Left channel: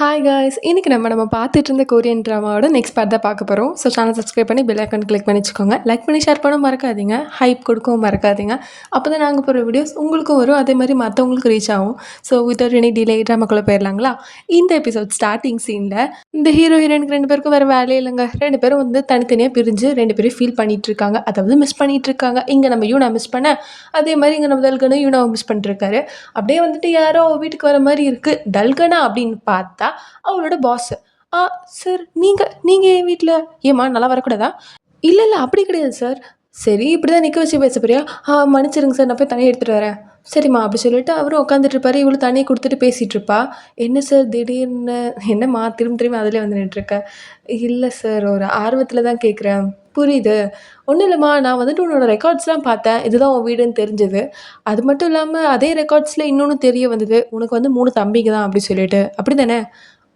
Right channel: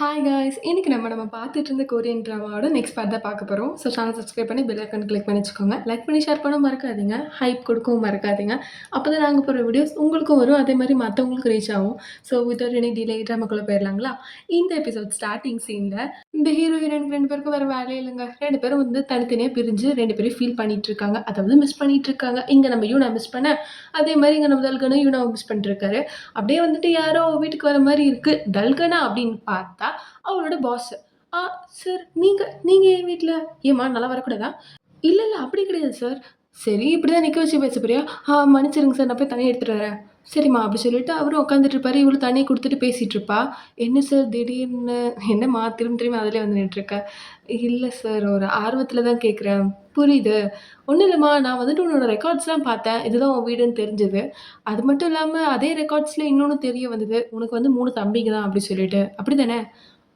Hi guys! இன்னைக்கு நம்ம பார்த்துட்டு இருந்த கொரியன் ட்ராமாவோட நெக்ஸ்ட் பார்ட் தான் பார்க்க போறோம். ஸோ சேனல் சப்ஸ்கிரைப் பண்ணி பெல் ஐக்கான் கிளிக் பண்ணி வச்சுக்கோங்க. லைக் பண்ணி ஷேர் பண்ண மறக்காதீங்க. ஹைப் கொடுக்கவும் மறக்காதீங்க. அப்போ தான் நாங்கள் போடுற வீடியோஸ் உங்களுக்கும் வரும். அதே மாதிரி மற்றவங்களுக்கும் ரீச் ஆகும். ஸோ வித்தவுட் எனி டிலே ட்ராமாக்குள்ளே போயிடலாங்களா? இந்த எபிசோட் ஸ்டார்டிங் சீனில் இந்த ஹீரோ ஹீரோயினுக்கு 2 பேருக்கும் வேறு வேலையே இல்லைங்க. 2 பேரும் வந்து தனித்தனியாக பிரிஞ்சு 2 பேரும் ஃபீல் பண்ணிட்டு இருக்காங்க. அதாவது மிஸ் பண்ணிட்டு இருக்காங்க. இங்கே நம்ம யூனா மிஸ் பண்ண, அதே மாதிரி இங்கே நம்ம தல்கனும் யூனாவை மிஸ் பண்ணிட்டுருக்காரு. அப்படியே வந்துட்டு யாரோ வீட்டுக்கு வர மாதிரி இருக்குது. தல்கனா அப்படின்னு பார்த்தா அவரோட பாஸ். ஆ சார், நீங்க என் வீட்ல ஏம்மா நல்லா வரக்கூடாதா? இல்ல, அப்படி கிடையாது சார். சரி, இப்படி தான் நிக்க வச்சு பேச போறியா? மன்னிச்சிடுங்க சார், நான் போய் தண்ணி எடுத்துட்டு வரேன். சரிம்மா அப்படி சொல்லிட்டு அவரும் உட்காந்துட்டு இருப்பாரு. இவளும் தண்ணிய குடுத்துட்டு பேசிட்டு இருப்பா. என்ன சார் திடீர்னு என்னம்மா திரும்ப திரும்ப அதிலே வந்து நின்னுட்டுருக்க? இல்ல சார், ஒரு ஆர்வத்தில தான் கேட்குறேன். புரியுது. ஒண்ணும் இல்லம்மா, நான் வந்துட்டு உன்னோட ரெக்கார்ட்ஸ்லாம் பார்த்தேன். இதுதான் உன் வீடுன்னு தெரிஞ்சது. அது மட்டும் இல்லாம அதே ரெக்கார்ட்ஸ்ல இன்னொன்னு தெரிய வந்தது. உனக்கு வந்து 3 தம்பிங்க தான் அப்படி சொல்லிட்டு. அப்படிதானே?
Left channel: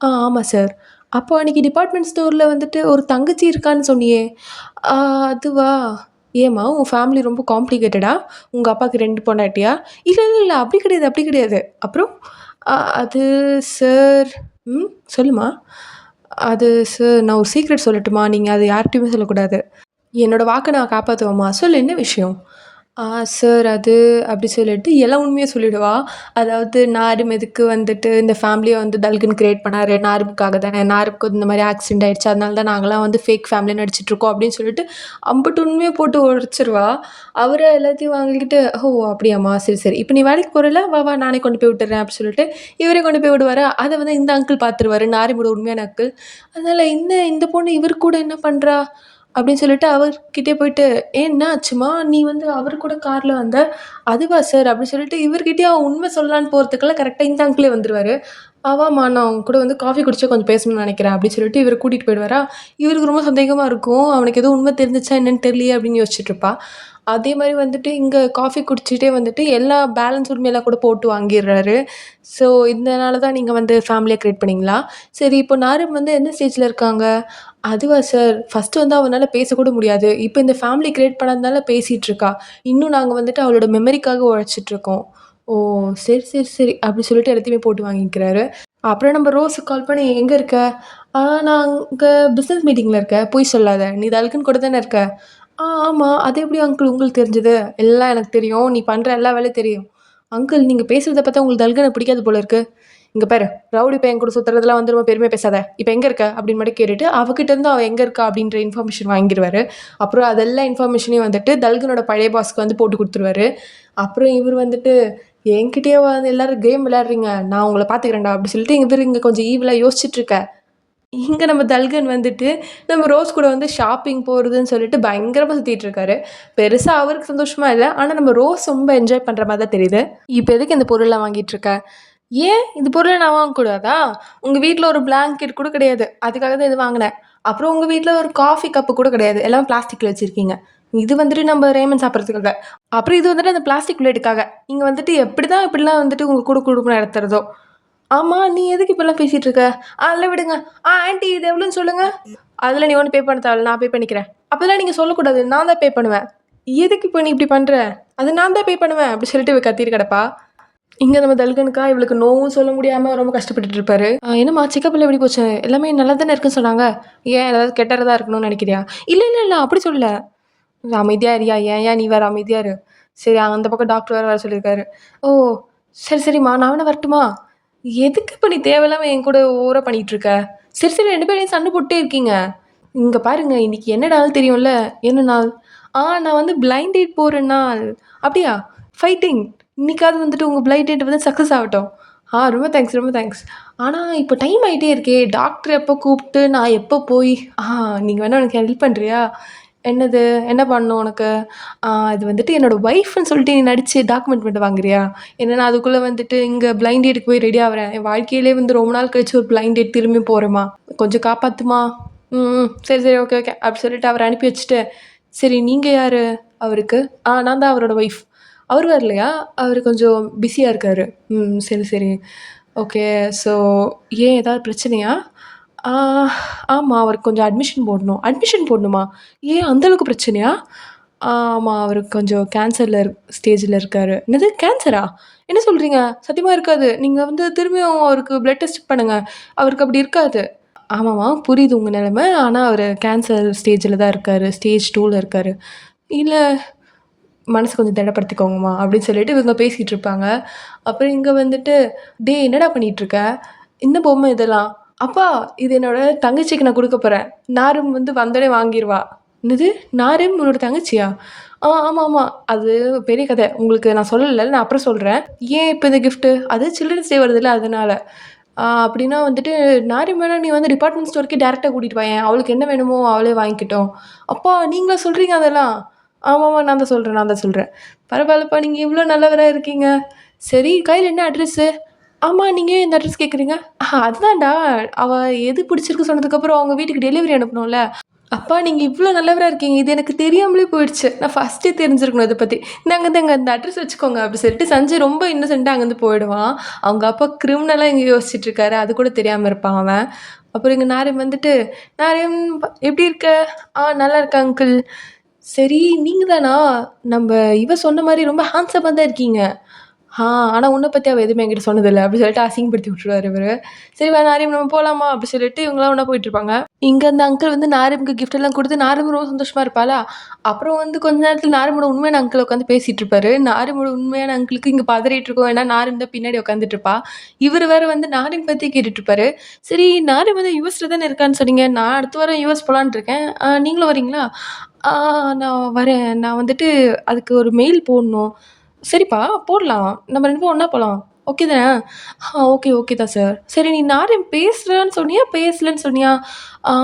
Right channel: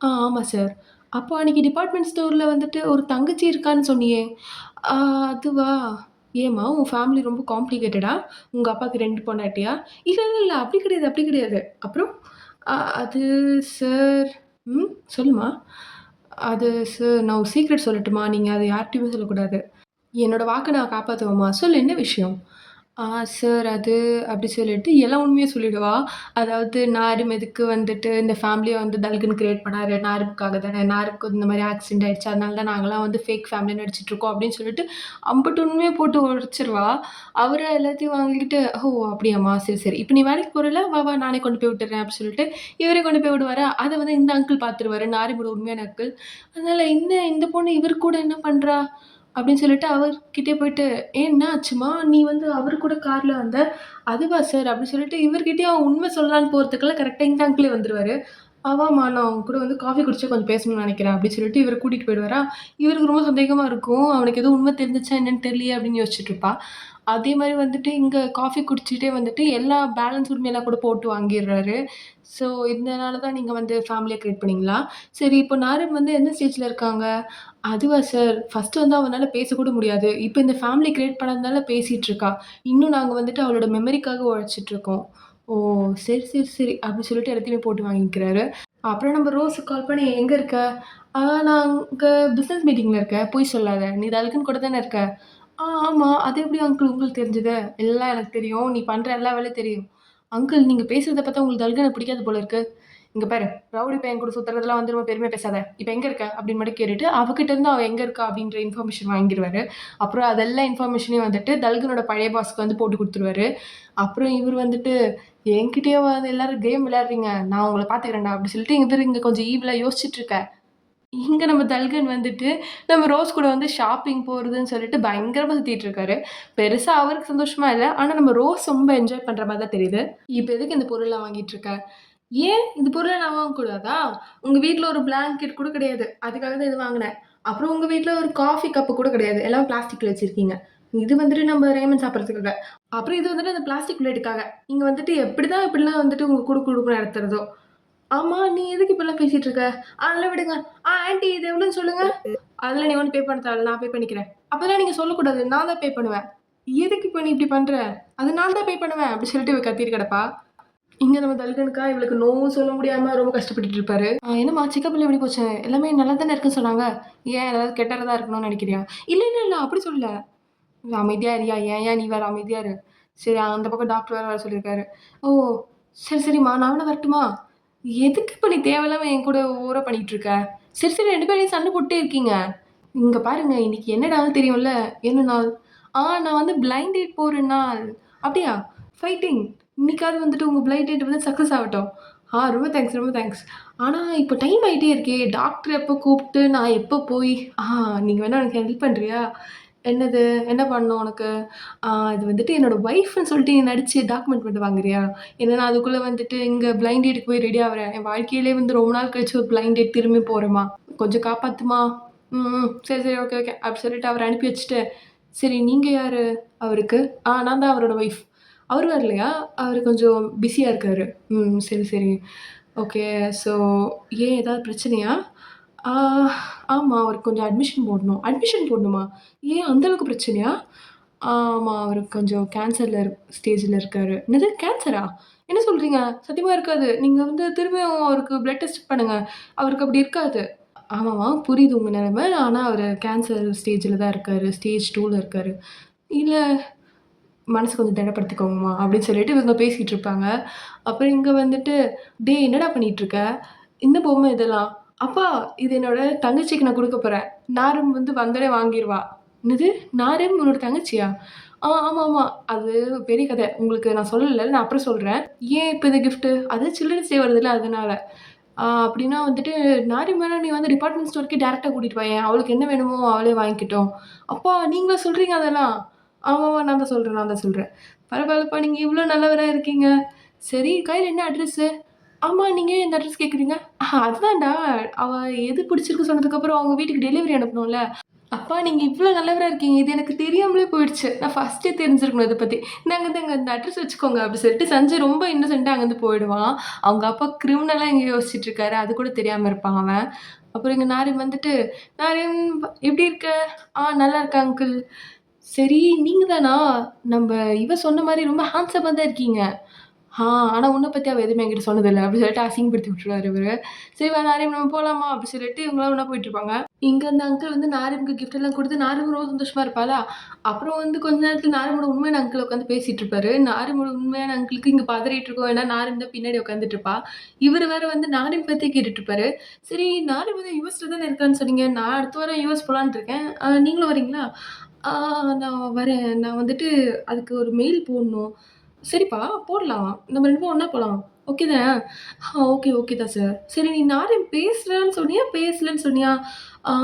ஆமா சார். அப்போ அன்னைக்கு டிபார்ட்மெண்ட் ஸ்டோர்ல வந்துட்டு ஒரு தங்கச்சி இருக்கான்னு சொன்னியே? ஆ அதுவா? ஏம்மா உன் ஃபேமிலி ரொம்ப காம்ப்ளிகேட்டடா? உங்க அப்பாவுக்கு 2 பொண்டாட்டியா? இல்ல. அப்படி கிடையாது, அப்படி கிடையாது. அப்புறம்? அது சார். சொல்லும்மா. அது சார், நான் ஒரு சீக்ரெட் சொல்லட்டுமா? நீங்க அத யார்ட்டயுமே சொல்லக்கூடாது. என்னோட வாக்க நான் காப்பாத்துவேம்மா. சொல்லு, என்ன விஷயம்? ஆ சார், அது அப்படி சொல்லிட்டு எல்லா உண்மையும் சொல்லிடுவா. அதாவது நாரும் எதுக்கு வந்துட்டு இந்த ஃபேமிலிய வந்து தல்கன் கிரியேட் பண்ணாரு. நாருக்காக தானே. நாருக்கு இந்த மாரி ஆக்சிடென்ட் ஆயிடுச்சு. அதனால தான் நாங்கலாம் வந்து ஃபேக் ஃபேமிலின்னு நடிச்சிட்டுருக்கோம் அப்படின்னு சொல்லிட்டு அம்புட்டு உண்மைய போட்டு உடைச்சிருவா. அவரு எல்லாத்தையும் வாங்கிக்கிட்டு, "ஓ! அப்படியாம்மா? சரி. இப்ப நீ வேலைக்கு போறல்ல? வா நானே கொண்டு போய் விட்டுர்றேன்" அப்படி சொல்லிட்டு இவரே கொண்டு போய் விடுவாரா. அத வந்து இந்த அங்கிள் பார்த்துருவாரு. நாரிமோட உண்மையான அங்கிள். அதனால இந்த பொண்ணு இவரு கூட என்ன பண்றா? அப்படின்னு சொல்லிட்டு அவர்கிட்டயே போயிட்டு, "ஏன் என்ன ஆச்சும்மா? நீ வந்து அவரு கூட கார்ல வந்த." "அதுவா சார்?" அப்படின்னு சொல்லிட்டு இவர்கிட்டயே அவன் உண்மை சொல்லலான்னு போறதுக்குள்ள கரெக்ட்டா இந்த அங்கிளே வந்துருவாரு. "வாம்மா, நான் உன் கூட வந்து காஃபி குடிச்சு கொஞ்சம் பேசணும்னு நெனைக்கிறேன்." அப்படின்னு சொல்லிட்டு இவர கூட்டிட்டு போயிடுவாரா. இவருக்கு ரொம்ப சந்தேகமா இருக்கும். அவனுக்கு எதுவும் உண்மை தெரிஞ்சுச்சா என்னன்னு தெரியலையே அப்படின்னு யோசிச்சுட்டு இருப்பா. அதே மாரி வந்துட்டு இங்க காஃபி குடிச்சிட்டே வந்துட்டு எல்லா பேலன்ஸ் உரிமையெல்லாம் கூட போட்டு வாங்கிர்றாரு. ஸோ இதனால தான் நீங்க வந்து ஃபேமிலிய கிரியேட் பண்ணீங்களா? சரி, இப்போ நாரும் வந்து எந்த ஸ்டேஜ்ல இருக்காங்க? அதுவா சார், ஃபர்ஸ்ட்டு வந்து அவனால பேசக்கூட முடியாது. இப்ப இந்த ஃபேமிலி கிரியேட் பண்ணதுனால பேசிட்டு இருக்கா. இன்னும் நாங்க வந்துட்டு அவளோட மெமரிக்காக உழைச்சிட்டுருக்கோம். ஓ! சரி. அப்படி சொல்லிட்டு எல்லாத்தையுமே போட்டு வாங்கிக்கிறாரு. அப்புறம் நம்ம ரோஸுக்கு கால் பண்ணி, "எங்க இருக்க?" நான் அங்க பிசினஸ் மீட்டிங்ல இருக்கேன்." "பொய் சொல்லாத. நீ தல்கன் கூட தானே இருக்க?" ஆமா. அது எப்படி அங்கிள் உங்களுக்கு தெரிஞ்சது?" "எல்லாம் எனக்கு தெரியும். நீ பண்ற எல்லா வேலையும் தெரியும்." "அங்கிள், நீங்க பேசுறத பார்த்தா உங்களுக்கு தல்கன பிடிக்காது போல இருக்கு." "இங்க பாரு, ரவுடி பையன் கூட சுத்துறதெல்லாம் வந்து ரொம்ப பெருமையா பேசாத. இப்ப எங்க இருக்க?" அப்படின்னு மட்டும் கேட்டுட்டு, அவகிட்ட இருந்து அவ எங்க இருக்கா அப்படின்ற இன்ஃபர்மேஷன் வாங்கிருவாரு. அப்புறம் அதெல்லா இன்ஃபர்மேஷனையும் வந்துட்டு தல்கனோட பழைய பாஸ்க்கு வந்து போட்டு குடுத்துருவாரு. அப்புறம் இவரு வந்துட்டு, "என்கிட்டயேவா எல்லாரும் கேம் விளையாடுறீங்க? நான் உங்கள பார்த்துக்கிறேன்டா" அப்படி சொல்லிட்டு இவரு இங்க கொஞ்சம் ஈவிலா யோசிச்சுட்டு இருக்க. இங்க நம்ம தல்கன் வந்துட்டு, நம்ம ரோஸ் கூட வந்து ஷாப்பிங் போறதுன்னு சொல்லிட்டு பயங்கரமா சுத்திட்டு இருக்காரு. பெருசா அவருக்கு சந்தோஷமா இல்ல. ஆனா நம்ம ரோஸ் ரொம்ப என்ஜாய் பண்ற மாரி தான் தெரியுது. "இப்ப எதுக்கு இந்த பொருள்லாம் வாங்கிட்டு இருக்க?" "ஏன்? இந்த பொருள நான் வாங்கக்கூடாதா? உங்க வீட்ல ஒரு பிளாங்கெட் கூட கிடையாது. அதுக்காக தான் இது வாங்குனேன். அப்புறம் உங்க வீட்ல ஒரு காஃபி கப்பு கூட கிடையாது. எல்லாமே பிளாஸ்டிக்ல வச்சிருக்கீங்க. இது வந்துட்டு நம்ம ரேமன் சாப்பிடுறதுக்காக. அப்புறம் இது வந்துட்டு அந்த பிளாஸ்டிக் பிளேட்டுக்காக. நீங்க வந்துட்டு எப்படிதான் இப்படிலாம் வந்துட்டு உங்க கூட குடும்பம் நடத்துறதோ?" "ஆமா, நீ எதுக்கு இப்படிலாம் பேசிட்டு இருக்க?" அதெல்லாம் விடுங்க. ஆன்டி இது எவ்வளோன்னு சொல்லுங்க." "அதெல்லாம் நீ ஒண்ணும் பே பண்ண தேவையில்ல. நான் பே பண்ணிக்கிறேன்." "அப்பலாம் நீங்க சொல்லக்கூடாது. நான் தான் பே பண்ணுவேன்." "எதுக்கு இப்ப நீ இப்படி பண்ற?" "அது நான் தான் பே பண்ணுவேன்." அப்படி சொல்லிட்டு இவ கத்திட்டு கிடப்பா. இங்க நம்ம தல்கனுக்கா இவளுக்கு நோவும் சொல்ல முடியாம ரொம்ப கஷ்டப்பட்டுட்டு இருப்பாரு. "என்னம்மா செக்கப்லாம் எப்படி போச்சு? எல்லாமே நல்லா தானே இருக்குன்னு சொன்னாங்க. ஏன் ஏதாவது கெட்டதா இருக்கணும்னு நெனைக்கிறியா?" இல்ல. அப்படி சொல்லல." "அமைதியா இருயா. ஏன்யா நீ வேற அமைதியா இரு." சரி, அந்த பக்கம் டாக்டர் வேற வர சொல்லியிருக்காரு. "ஓ! சரிம்மா. நான் வேணா வரட்டுமா?" "எதுக்கு இப்ப நீ தேவையில்லாம என் கூட ஓவரா பண்ணிட்டு இருக்க?" சரி 2 பேரும் சண்டை போட்டுட்டே இருக்கீங்க. "இங்க பாருங்க, இன்னைக்கு என்ன நாள் தெரியும்ல?" "என்ன நாள்?" நான் வந்து பிளைண்ட் டேட் போற நாள்." "அப்படியா? ஃபைட்டிங். இன்னைக்காவது வந்துட்டு உங்க பிளைண்ட் டேட் வந்து சக்சஸ் ஆகட்டும்." ரொம்ப தேங்க்ஸ். ஆனா இப்ப டைம் ஆயிட்டே இருக்கே. டாக்டர் எப்ப கூப்ட்டு, நான் எப்ப போய் ஆ நீங்க வேணா எனக்கு ஹெல்ப் பண்றியா?" "என்னது? என்ன பண்ணணும் உனக்கு?" இது வந்துட்டு என்னோட ஒய்ஃப்ன்னு சொல்லிட்டு நீ நடிச்சு டாக்குமெண்ட் மட்டும் வாங்குறியா?" "ஏன்னா நான் அதுக்குள்ள வந்துட்டு இங்க பிளைண்ட் டேட்க்கு போய் ரெடி ஆவுறேன். என் வாழ்க்கையிலே வந்து ரொம்ப நாள் கழிச்சு ஒரு பிளைண்ட் டேட் திரும்பி போறேன்ம்மா. கொஞ்சம் காப்பாத்தும்மா." சரி. ஓகே." அப்படி சொல்லிட்டு அவர அனுப்பி வச்சுட்டு, "சரி நீங்க யாரு அவருக்கு?" நான் தான் அவரோட ஒய்ஃப்." "அவரு வரலையா? அவரு கொஞ்சம் பிஸியா இருக்காரு." சரி. ஓகே. ஸோ ஏன் ஏதாவது பிரச்சனையா?" "ஆ ஆமா. அவருக்கு கொஞ்சம் அட்மிஷன் போடணும்." "அட்மிஷன் போடணுமா? ஏன் அந்த அளவுக்கு பிரச்சனையா?" ஆமா. அவருக்கு கொஞ்சம் கேன்சர்ல ஸ்டேஜ்ல இருக்காரு." "என்னது கேன்சரா? என்ன சொல்றீங்க? சத்தியமா இருக்காது. நீங்க வந்து திரும்பியும் அவருக்கு பிளட் டெஸ்ட் பண்ணுங்க. அவருக்கு அப்படி இருக்காது. ஆமாமா, புரியுது உங்க நிலைமை. ஆனா அவரு கேன்சர் ஸ்டேஜ்ல தான் இருக்காரு. ஸ்டேஜ் 2ல இருக்காரு. இல்ல மனச கொஞ்சம் திடப்படுத்திக்கோங்கம்மா அப்படின்னு சொல்லிட்டு இவங்க பேசிட்டு இருப்பாங்க. அப்புறம் இங்க வந்துட்டு, "டேய் என்னடா பண்ணிட்டு இருக்க? என்ன பொம்மை இதெல்லாம்?" "அப்பா இது என்னோட தங்கச்சிக்கு நான் குடுக்க போறேன். நாரும் வந்து வந்தோனே வாங்கிருவா." "என்னது? நாரும் உன்னோட தங்கச்சியா?" ஆமாமா. அது பெரிய கதை. உங்களுக்கு நான் சொல்லல. நான் அப்புறம் சொல்றேன். ஏன் இப்ப இந்த கிஃப்ட்டு? அது சில்ட்ரன்ஸ் டே வருதுல்ல அதனால. அப்படின்னா வந்துட்டு, "நாரிம் வேணா நீ வந்து டிபார்ட்மெண்ட் ஸ்டோருக்கே டைரக்ட்டா கூட்டிட்டு வாயேன். அவளுக்கு என்ன வேணுமோ அவளே வாங்கிக்கட்டும்." "அப்பா நீங்களா சொல்றீங்க அதெல்லாம்?" "ஆமாமா நான் தான் சொல்றேன்." "பரவால்லப்பா நீங்க இவ்ளோ நல்லவரா இருக்கீங்க. சரி கையில என்ன அட்ரஸு?" "ஆமா நீங்க ஏன் இந்த அட்ரஸ் கேட்குறீங்க?" அதுதான்டா அவ எது பிடிச்சிருக்கு சொன்னதுக்கப்புறம் அவங்க வீட்டுக்கு டெலிவரி அனுப்பணும்ல." "அப்பா நீங்க இவ்ளோ நல்லவரா இருக்கீங்க. இது எனக்கு தெரியாமலே போயிடுச்சு. நான் ஃபர்ஸ்ட்டே தெரிஞ்சிருக்கணும் இத பத்தி. இந்தாங்க இந்த அட்ரஸ் வச்சுக்கோங்க." அப்படி சொல்லிட்டு சஞ்சய் ரொம்ப இன்னசென்ட்டா அங்கருந்து போயிடுவான். அவங்க அப்பா கிரிமினலா எங்கேயோ யோசிச்சுட்டு இருக்காரு. அது கூட தெரியாம இருப்பான் அவன். அப்புறம் இங்க நாரிம் வந்துட்டு, "நாரிம் எப்படி இருக்க?" நல்லா இருக்கேன் அங்கிள்." "சரி நீங்க தானா? நம்ப இவ சொன்ன மாரி ரொம்ப ஹேண்ட்ஸமா தான் இருக்கீங்க." ஆ ஆனா உன்ன பத்தி அவ எதுவுமே என்கிட்ட சொன்னதில்ல." அப்படி சொல்லிட்டு அசிங்கப்படுத்தி விட்டுருவாரு இவரு. "சரி வா நாரிம் நம்ம போலாமா?" அப்படி சொல்லிட்டு இவங்கலாம் ஒண்ணா போயிட்டுருப்பாங்க. இங்க அந்த அங்கிள் வந்து நாரிம்க்கு கிஃப்ட் எல்லாம் குடுத்து நாரிம் ரொம்ப சந்தோஷமா இருப்பாளா, அப்புறம் வந்து கொஞ்ச நேரத்தில நாரிமோட உண்மையான அங்கிள் உட்காந்து பேசிட்டு இருப்பாரு. நாரிமோட உண்மையான அங்கிளுக்கு இங்க பதறிட்டு இருக்கும். ஏன்னா நாரிம் தான் பின்னாடி உட்காந்துட்டு இருப்பா. இவரு வேற வந்து நாரிம் பத்தி கேட்டுட்டு இருப்பாரு. "சரி நாரிம் வந்து யுஎஸ்ல தானே இருக்கான்னு சொன்னீங்க. நான் அடுத்த வாரம் யுஎஸ் போலான்னு இருக்கேன். நீங்களும் வரீங்களா?" "ஆ நான் வரேன். நான் வந்துட்டு அதுக்கு ஒரு மெயில் போடணும்." "சரிப்பா போடலாம். நம்ம 2 பேரும் ஒண்ணா போலாம். ஓகே தானே?" ஓகே தான் சார்." "சரி நீ நாரிம் பேசுறேன்னு சொன்னியா? பேசலன்னு சொன்னியா?" "ஆ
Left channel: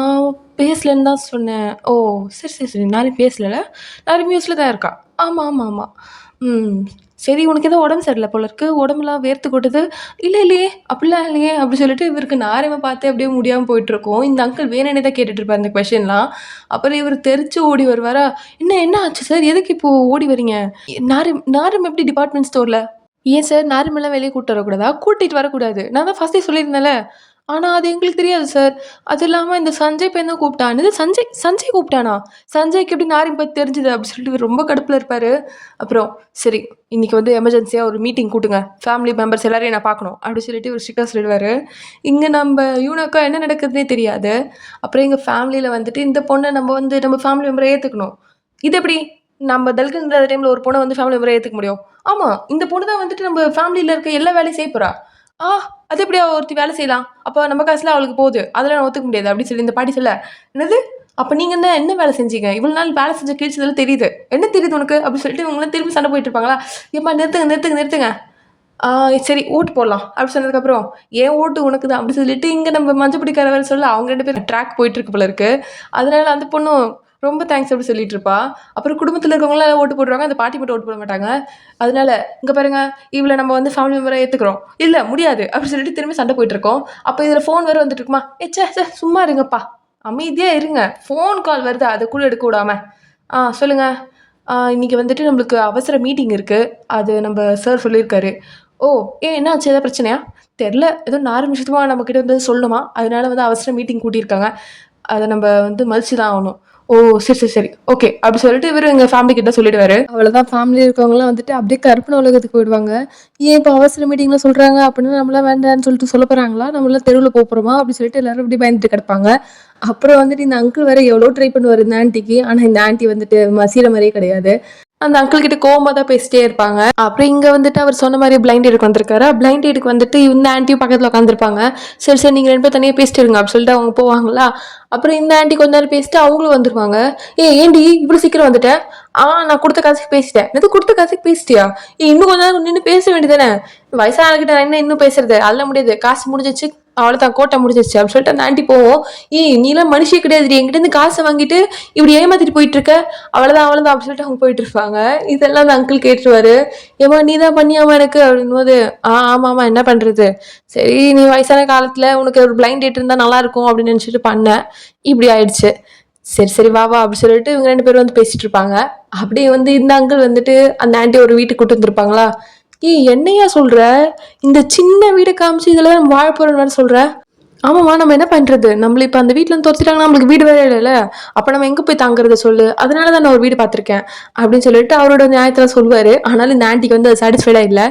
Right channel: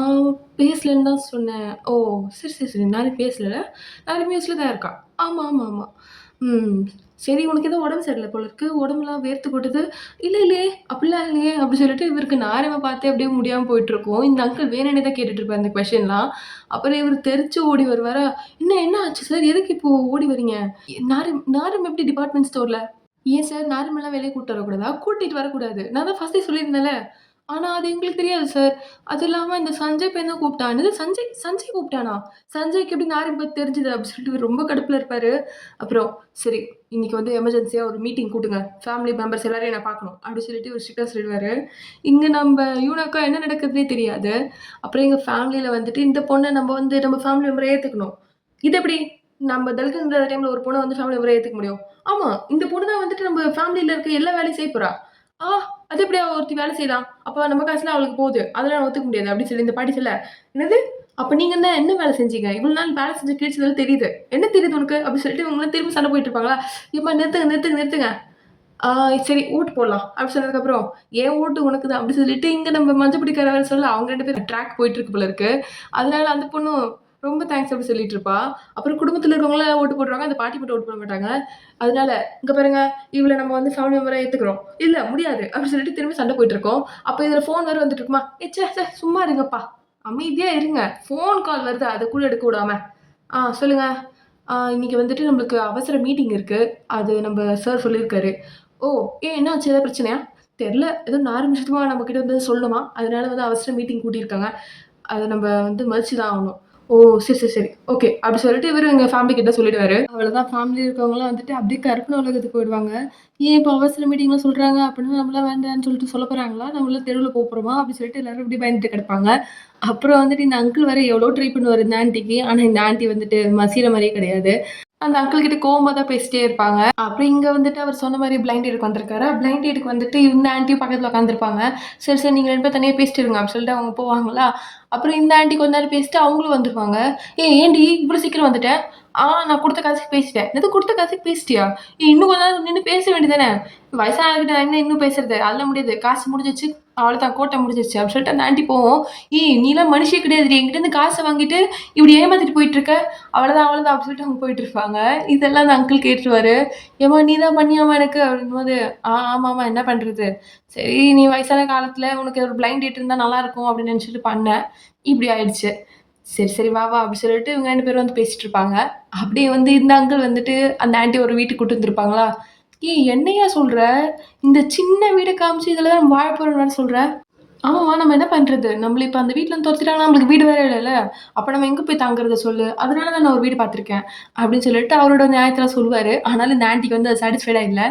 பேசலன்னு தான் சொன்னேன்." "ஓ! சரி. நாரிம் பேசலல்ல? நாரிம் யூஎஸ்ல தான் இருக்கா?" ஆமா. ம். சரி உனக்கு ஏதோ உடம்பு சரியில்ல போல இருக்கு. உடம்பெல்லாம் வேர்த்து கொட்டுது." இல்லையே, அப்படிலாம் இல்லையே." அப்படி சொல்லிட்டு இவருக்கு நாரிம பார்த்தே அப்படியே முடியாம போயிட்டுருக்கும். இந்த அங்கிள் வேணுன்னே தான் கேட்டுட்டு இருப்பாரு இந்த கொஸ்டின்லாம். அப்புறம் இவரு தெறிச்சு ஓடி வருவாரா, என்ன ஆச்சு சார்? எதுக்கு இப்போ ஓடி வரீங்க?" நாரிம் நாரிம் எப்படி டிபார்ட்மெண்ட் ஸ்டோர்ல?" "ஏன் சார் நாரிமல்லாம் வெளிய கூட்டிட்டு வரக்கூடாதா?" "கூட்டிட்டு வரக்கூடாது. நான் தான் ஃபர்ஸ்ட்டே சொல்லியிருந்தேன்ல." "ஆனா அது எங்களுக்கு தெரியாது சார். அது இல்லாம இந்த சஞ்சய் பையன் தான் கூப்பிட்டான்." "என்னது சஞ்சய் கூப்பிட்டானா? சஞ்சய்க்கு எப்படி நாரிம் பத்தி தெரிஞ்சது?" அப்படி சொல்லிட்டு இவரு ரொம்ப கடுப்புல இருப்பாரு. அப்புறம் "சரி இன்னைக்கு வந்து எமர்ஜென்சியா ஒரு மீட்டிங் கூட்டுங்க. ஃபேமிலி மெம்பர்ஸ் எல்லாரையும் நான் பார்க்கணும்." அப்படி சொல்லிட்டு இவரு ஸ்ட்ரிக்ட்டா சொல்லிடுவாரு. இங்க நம்ப யூனாக்கா என்ன நடக்குதுன்னே தெரியாது. அப்புறம் எங்க ஃபேமிலில வந்துட்டு இந்த பொண்ண நம்ம ஃபேமிலி மெம்பரா ஏத்துக்கணும். இது எப்படி? நம்ம தல்கன் இல்லாத டைம்ல ஒரு பொண்ண வந்து ஃபேமிலி மெம்பரா ஏத்துக்க முடியும்? ஆமா. இந்த பொண்ணு தான் வந்துட்டு நம்ம ஃபேமிலில இருக்க எல்லா வேலையும் செய்ய போறா. ஆ அது எப்படி அவ ஒருத்தி வேலை செய்யலாம்? அப்ப நம்ம காசுலாம் அவளுக்கு போகுது. அதெல்லாம் நான் ஒத்துக்க முடியாது அப்படின்னு சொல்லி இந்த பாட்டி சொல்ல, என்னது? அப்ப நீங்க என்ன வேலை செஞ்சீங்க? இவ்வளவு நாள் வேலை செஞ்ச கிழிச்சதெல்லாம் தெரியுது. என்ன தெரியுது உனக்கு? அப்படின்னு சொல்லிட்டு இவங்கலாம் திரும்பி சண்டை போயிட்டு இருப்பாங்களா? ஏம்மா நிறுத்துங்க. ஆ சரி ஓட்டு போடலாம். அப்படி சொன்னதுக்கப்புறம், "என் ஓட்டு உனக்கு தான்" அப்படி சொல்லிட்டு இங்க நம்ம மஞ்ச பிடிக்கார வேற சொல்ல அவங்க 2 பேரும் ட்ராக் போயிட்டு இருக்கு போல இருக்கு. அதனால அந்த பொண்ணும் ரொம்ப தேங்க்ஸ் அப்படி சொல்லிட்டு இருப்பா. அப்புறம் குடும்பத்தில இருக்கவங்கலாம் ஓட்டு போட்டுருவாங்க. அந்த பாட்டி மட்டும் ஓட்டு போட மாட்டாங்க. அதனால, "இங்க பாருங்க, இவள நம்ம வந்து ஃபேமிலி மெம்பரா ஏத்துக்கிறோம்." "இல்ல முடியாது." அப்படி சொல்லிட்டு திரும்பி சண்டை போயிட்டு இருக்கோம். அப்ப இதுல ஃபோன் வேற வந்துட்டு இருக்குமா, ச்சே சும்மா இருங்கப்பா. அமைதியா இருங்க. ஃபோன் கால் வருது. அத கூட எடுக்க விடாம. சொல்லுங்க. இன்னைக்கு வந்துட்டு நம்மளுக்கு அவசர மீட்டிங் இருக்கு. அது நம்ப சார் சொல்லியிருக்காரு." "ஓ! ஏன் என்னாச்சு? ஏதாவது பிரச்சனையா?" "தெர்ல. ஏதோ 4 நிமிஷமா நம்மகிட்ட வந்து சொல்லணுமா. அதனால வந்து அவசர மீட்டிங் கூட்டியிருக்காங்க. அத நம்ப வந்து மதிச்சு தான் ஆகணும்." "ஓ! சரி. ஓகே." அப்படி சொல்லிட்டு இவரு எங்க ஃபேமிலி கிட்ட சொல்லிடுவாரு. அவ்வளோதான் ஃபேமிலில இருக்கவங்கலாம் வந்துட்டு அப்படியே கற்பனை உலகத்துக்கு போயிடுவாங்க. ஏன் இப்ப அவசர மீட்டிங்ல சொல்றாங்க அப்படின்னா நம்மலாம் வேண்டான்னு சொல்லிட்டு சொல்லப் போறாங்களா? நம்மலாம் தெருவுல போப்போறோமா? அப்படி சொல்லிட்டு எல்லாரும் அப்படியே பயந்துட்டு கிடப்பாங்க. அப்புறம் வந்துட்டு இந்த அங்கிள் வேற எவ்வளோ ட்ரை பண்ணுவாரு இந்த ஆன்டிக்கு. ஆனா இந்த ஆன்டி வந்துட்டு மசியற மாரியே கிடையாது. அந்த அங்கிள் கிட்ட கோவமா தான் பேசிட்டே இருப்பாங்க. அப்புறம் இங்க வந்துட்டு அவர் சொன்ன மாரி பிளைண்ட் டேட்க்கு வந்திருக்காரு. பிளைண்ட் டேட்க்கு வந்துட்டு இந்த ஆன்டியும் பக்கத்துல உட்காந்துருப்பாங்க. சரி நீங்க 2 பேரும் தனியா பேசிட்டு இருங்க அப்படின்னு சொல்லிட்டு அவங்க போவாங்களா? அப்புறம் இந்த ஆன்டி கொஞ்ச நேரம் பேசிட்டு அவங்களும் வந்துருவாங்க. ஏன்டி இவ்வளோ சீக்கிரம் வந்துட்ட? நான் குடுத்த காசுக்கு பேசிட்டேன். என்னது குடுத்த காசுக்கு பேசிட்டியா? இன்னும் கொஞ்ச நேரம் நின்னு பேச வேண்டியது தானே? வயசானவங்ககிட்ட நான் என்ன இன்னும் பேசுறது? அதெல்லாம் முடியாது. காசு முடிஞ்சிருச்சு. அவ்வளோதான் கோட்டா முடிஞ்சிருச்சு அப்படின்னு சொல்லிட்டு அந்த ஆன்டி போவும். நீலாம் மனுஷியே கிடையாதுடி. என்கிட்ட இருந்து காச வாங்கிட்டு இப்படி ஏமாத்திட்டு போயிட்டு இருக்க. அவ்வளோதான் அப்படின்னு சொல்லிட்டு அவங்க போயிட்டு இருப்பாங்க. இதெல்லாம் அந்த அங்கிள் கேட்டுருவாரு. ஏம்மா நீ தான் பண்ணியாம்மா எனக்கு அப்படிங்கும்போது, ஆமாம்மா என்ன பண்றது? சரி நீ வயசான காலத்துல உனக்கு ஒரு பிளைண்ட் டேட் இருந்தா நல்லா இருக்கும் அப்படின்னு நினைச்சிட்டு பண்ணேன். இப்படி ஆயிடுச்சு. சரி வா அப்படி சொல்லிட்டு இவங்க 2 பேரும் வந்து பேசிட்டு இருப்பாங்க. அப்படியே வந்து இந்த அங்கிள் வந்துட்டு அந்த ஆன்டிய ஒரு வீட்டுக்கு கூட்டிட்டு வந்திருப்பாங்களா? என்னையா சொல்ற? இந்த சின்ன வீட காமிச்சு இதுல வாழ போறோம்னு வேற சொல்ற? ஆமாம்மா நம்ம என்ன பண்றது? நம்மள இப்ப அந்த வீட்லருந்து தொரத்திட்டாங்கன்னா நம்மளுக்கு வீடு வேற இல்லல்ல. அப்ப நம்ம எங்க போய் தங்குறது சொல்லு? அதனால தான் நான் ஒரு வீடு பார்த்துருக்கேன். அப்படின்னு சொல்லிட்டு அவரோட நியாயத்தலாம் சொல்லுவாரு. ஆனாலும் இந்த ஆன்டிக்கு வந்து அது சாட்டிஸ்ஃபைடா இல்ல.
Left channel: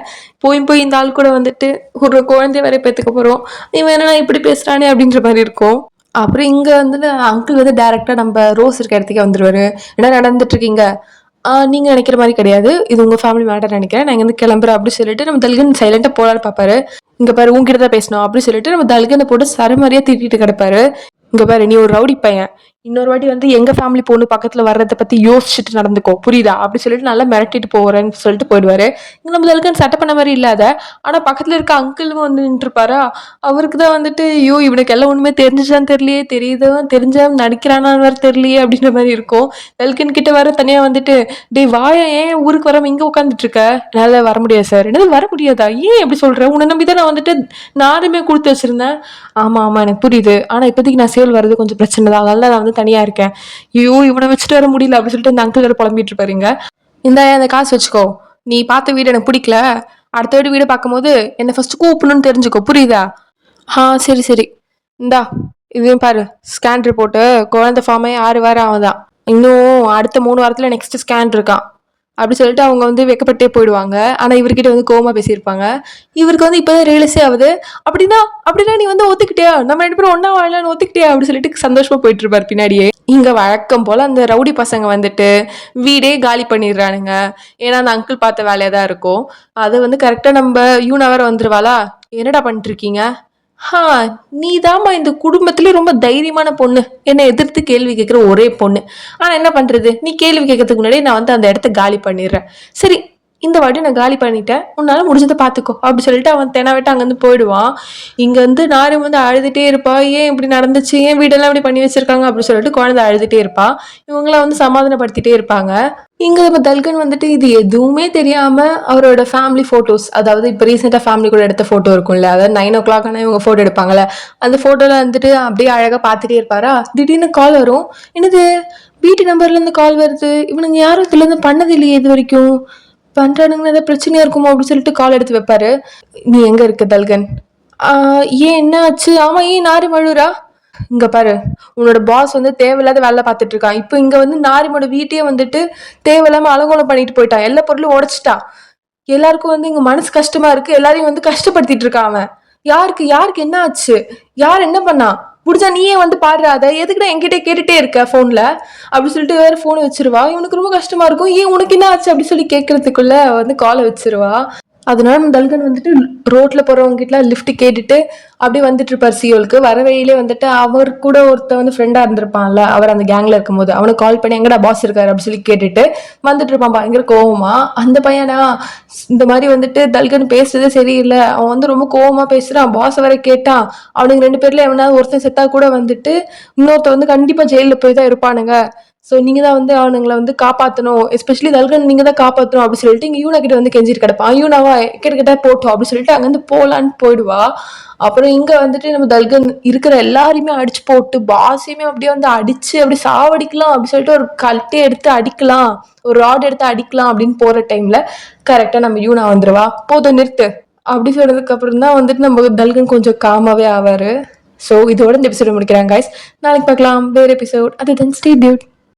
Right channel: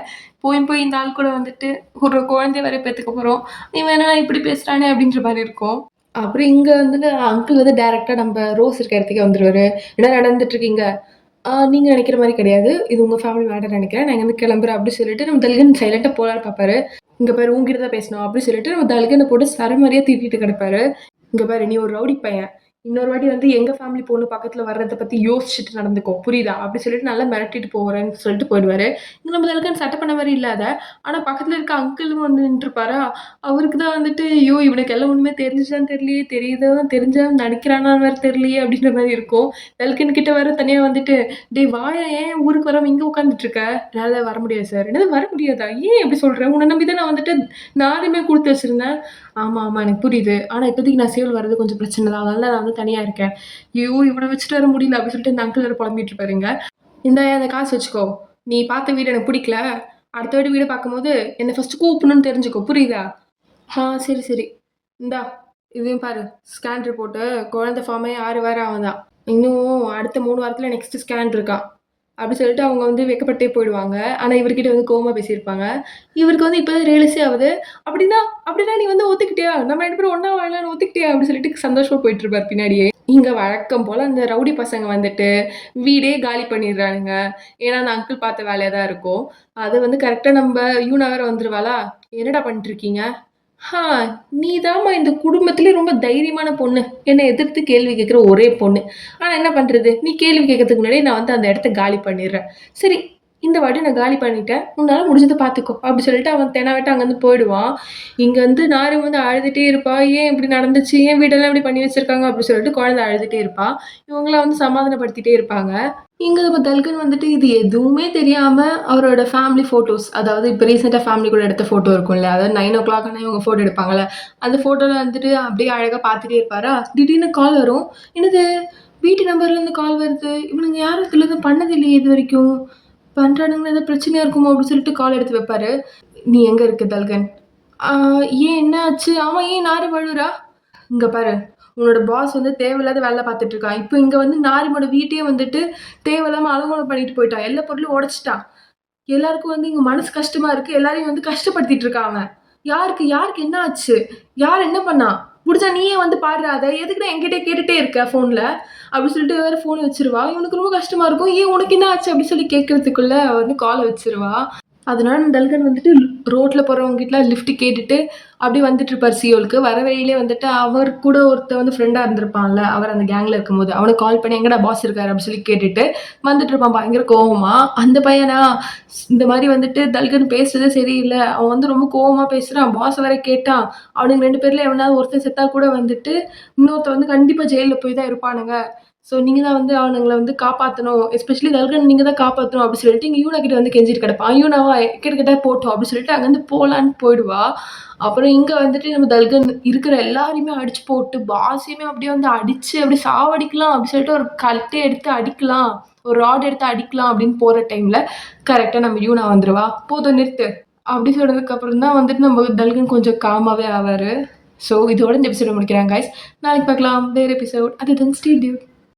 போய் இந்த ஆள் கூட வந்துட்டு ஒரு குழந்தைய வேற பெத்துக்க போறோம். இவன் என்னடா இப்படி பேசுறானே அப்படின்ற மாரி இருக்கும். அப்புறம் இங்க வந்துட்டு அங்கிள் வந்து டைரக்ட்டா நம்ப ரோஸ் இருக்க இடத்துக்கே வந்துருவாரு. "என்ன நடந்துட்டு இருக்கீங்க?" நீங்க நெனைக்கிற மாரி கிடையாது. இது உங்க ஃபேமிலி மேட்டர் நெனைக்கிறேன். நான் இங்கருந்து கிளம்புறேன்" அப்படி சொல்லிட்டு நம்ம தல்கன் சைலன்ட்டா போலான்னு பார்ப்பாரு. "இங்க பாரு உன்கிட்ட தான் பேசணும்" அப்படி சொல்லிட்டு நம்ம தல்கன போட்டு சரமாரியா திட்டிட்டு கிடப்பாரு. "இங்க பாரு நீ ஒரு ரவுடி பையன். இன்னொரு வாட்டி வந்து எங்க ஃபேமிலி பொண்ணு பக்கத்துல வர்றத பத்தி யோசிச்சுட்டு நடந்துக்கோ. புரியுதா?" அப்படி சொல்லிட்டு நல்லா மிரட்டிட்டு போறேன்னு சொல்லிட்டு போயிடுவாரு. இங்க நம்ம தல்கன் சட்டை பண்ண மாரி இல்ல அத. ஆனா பக்கத்துல இருக்க அங்கிளும் வந்து நின்னுட்டுருப்பாரா, அவருக்கு தான் வந்துட்டு, "ஐயோ! இவனுக்கு எல்லாம் உண்மை தெரிஞ்சுச்சான்னு தெரியலையே, தெரியுதோ தெரிஞ்சா நடிக்கிறானான்னு வேற தெரியலையே" அப்படின்ற மாரி இருக்கும். தல்கன் கிட்ட வேற தனியா வந்துட்டு, "டேய் வாயேன் ஏன் ஊருக்கு வராம இங்க உட்காந்துட்டு இருக்க?" "என்னால வர முடியாது சார்." "என்னது வர முடியாதா? ஏன் இப்படி சொல்ற? உன்ன நம்பி தான் நான் வந்துட்டு நானுமே குடுத்து வச்சிருந்தேன்." "ஆமா, ஆமா எனக்கு புரியுது. ஆனா இப்போதைக்கு நான் சேல் வர்றது கொஞ்சம் பிரச்சனை தான். அதனால தான் நான் வந்து தனியா இருக்கேன்." "ஐயோ! இவன வச்சுட்டு வர முடியல." அப்படி சொல்லிட்டு அந்த அங்கிள் வேற புலம்பிட்டு இருப்பாருங்க. "இந்தாயா இந்த காசு வச்சுக்கோ. நீ பார்த்த வீடு எனக்கு பிடிக்கல. அடுத்த வாட்டி வீடு பார்க்கும்போது என்ன ஃபர்ஸ்ட் கூப்பிடணும்னு தெரிஞ்சுக்கோ. புரியுதா?" சரி, சரி. இந்தா இதையும் பாரு. ஸ்கேன் ரிப்போர்ட்டு குழந்தை ஃபார்ம் ஆகி 6 வாரம் ஆகுதாம். இன்னும் அடுத்த 3 வாரத்துல நெக்ஸ்ட் ஸ்கேன் இருக்காம். அப்படி சொல்லிட்டு அவங்க வந்து வெட்கப்பட்டே போயிடுவாங்க. ஆனா இவர்கிட்ட வந்து கோவமா பேசியிருப்பாங்க. இவருக்கு வந்து இப்பதான் ரியலைஸே ஆகுது. அப்படின்னா அப்படின்னா நீ வந்து ஒத்துக்கிட்டியா? நம்ம 2 பேரும் ஒண்ணா வாழலாம்ன்னு ஒத்துக்கிட்டியா? அப்படி சொல்லிட்டு சந்தோஷமா போயிட்டு இருப்பாரு பின்னாடியே. இங்க வழக்கம் போல அந்த ரவுடி பசங்க வந்துட்டு வீடே காலி பண்ணிடுறானுங்க. ஏன்னா அந்த அங்கிள் பார்த்த வேலையா தான் இருக்கும். அது வந்து கரெக்ட்டா நம்ப யூனா வேற வந்துருவாளா? "என்னடா பண்ணிட்டு இருக்கீங்க?" "ஹா! நீதாம்மா இந்த குடும்பத்திலே ரொம்ப தைரியமான பொண்ணு. என்ன எதிர்த்து கேள்வி கேட்கிற ஒரே பொண்ணு. ஆனா என்ன பண்றது? நீ கேள்வி கேட்கறதுக்கு முன்னாடி நான் வந்து அந்த இடத்த காலி பண்ணிடுறேன். சரி, இந்த வாட்டி நான் காலி பண்ணிட்டேன். உன்னால முடிஞ்சத பார்த்துக்கோ." அப்படி சொல்லிட்டு அவன் தெனாவெட்டா அங்கருந்து போயிடுவான். இங்க வந்து நாரு வந்து அழுதுட்டே இருப்பா. "ஏன் இப்படி நடந்துச்சு? ஏன் வீடெல்லாம் இப்படி பண்ணி வச்சிருக்காங்க?" அப்படி சொல்லிட்டு குழந்தை அழுதுட்டே இருப்பா. இவங்கலாம் வந்து சமாதானப்படுத்திட்டே இருப்பாங்க. இங்க நம்ம தல்கன் வந்துட்டு இது எதுவுமே தெரியாம அவரோட ஃபேமிலி ஃபோட்டோஸ் அதாவது இப்ப ரீசென்ட்டா ஃபேமிலி கூட எடுத்த ஃபோட்டோ இருக்கும்ல. அதாவது 9:00 ஆனா இவங்க ஃபோட்டோ எடுப்பாங்கல்ல. அந்த ஃபோட்டோல வந்துட்டு அப்படியே அழகா பார்த்துட்டே இருப்பாரா, திடீர்னு கால் வரும். என்னது வீட்டு நம்பர்லேருந்து கால் வருது. இவனுங்க யாரும் இதுலேருந்து பண்ணது இல்லையே இதுவரைக்கும். பண்றானுங்கன்னா ஏதாவது பிரச்சனையா இருக்குமோ அப்படின்னு சொல்லிட்டு கால் எடுத்து வைப்பாரு. "நீ எங்க இருக்க தல்கன்?" "ஆ ஏன் என்ன ஆச்சு? ஆமா ஏன் நாரு மழுவுறா?" "இங்க பாரு, உன்னோட பாஸ் வந்து தேவையில்லாத வேலை பார்த்துட்டு இருக்கான். இப்ப இங்க வந்து நாரிமோட வீட்டையே வந்துட்டு தேவையில்லாம அலங்கோலம் பண்ணிட்டு போயிட்டான். எல்லா பொருளும் உடைச்சுட்டான். எல்லாருக்கும் வந்து இங்க மனசு கஷ்டமா இருக்கு. எல்லாரையும் வந்து கஷ்டப்படுத்திட்டு இருக்கான் அவன். யாருக்கு யாருக்கு என்ன ஆச்சு? யார் என்ன பண்ணா? முடிஞ்சா நீயே வந்து பாருடா அத. எதுக்குடா என்கிட்ட கேட்டுட்டே இருக்க ஃபோன்ல?" அப்படி சொல்லிட்டு வேற ஃபோன வச்சுருவா. இவனுக்கு ரொம்ப கஷ்டமா இருக்கும். "ஏன் உனக்கு என்ன ஆச்சு?" அப்படி சொல்லி கேட்கறதுக்குள்ள வந்து கால வச்சுருவா. அதனால நம்ம தல்கன் வந்துட்டு ரோட்ல போறவங்க கிட்டலாம் லிஃப்ட் கேட்டுட்டு அப்படியே வந்துட்டு இருப்பாரு சியோலுக்கு. வர வழியிலே வந்துட்டு அவர் கூட ஒருத்தன் வந்து ஃப்ரெண்டா இருந்திருப்பான்ல. அவர் அந்த கேங்ல இருக்கும்போது. அவனுக்கு கால் பண்ணி எங்கடா பாஸ் இருக்காரு அப்படின்னு சொல்லி கேட்டுட்டு வந்துட்டு இருப்பான் பயங்கர கோவமா. அந்த பையனா இந்த மாரி வந்துட்டு தல்கன் பேசுறதே சரியில்ல. அவன் வந்து ரொம்ப கோவமா பேசுறான். பாஸ் வேற கேட்டான். அவனுங்க 2 பேர்ல எவனாவது ஒருத்தன் செத்தா கூட வந்துட்டு இன்னொருத்தன் வந்து கண்டிப்பா ஜெயில்ல போய் தான் இருப்பானுங்க. சோ நீங்க தான் வந்து அவனுங்கள வந்து காப்பாத்தணும். எஸ்பெஷலி தல்கன் நீங்க தான் காப்பாத்தணும் அப்படின்னு சொல்லிட்டு இங்க யூனா கிட்ட வந்து கெஞ்சிட்டு கிடப்பான். யூனாவா கிட்ட போட்டும் அப்படின்னு சொல்லிட்டு அங்கருந்து போலான்னு போயிடுவா. அப்புறம் இங்க வந்துட்டு நம்ம தல்கன் இருக்கிற எல்லாரையுமே அடிச்சு போட்டு பாஸையுமே அப்படியே வந்து அடிச்சு அப்படியே சாவடிக்கலாம் அப்படின்னு சொல்லிட்டு ஒரு கல்ட்டே எடுத்து அடிக்கலாம். ஒரு ராட் எடுத்து அடிக்கலாம் அப்படின்னு போற டைம்ல கரெக்ட்டா நம்ம யூனா வந்துருவா. "போதும் நிறுத்து." அப்படி சொன்னதுக்கு அப்புறம் தான் வந்துட்டு நம்ம தல்கன் கொஞ்சம் காமாவே ஆவாரு. இதோட இந்த எபிசோட முடிக்கிறேன் காய்ஸ். நாளைக்கு பார்க்கலாம். வேற எபிசோட். அது தென் ஸ்டே டியூட்.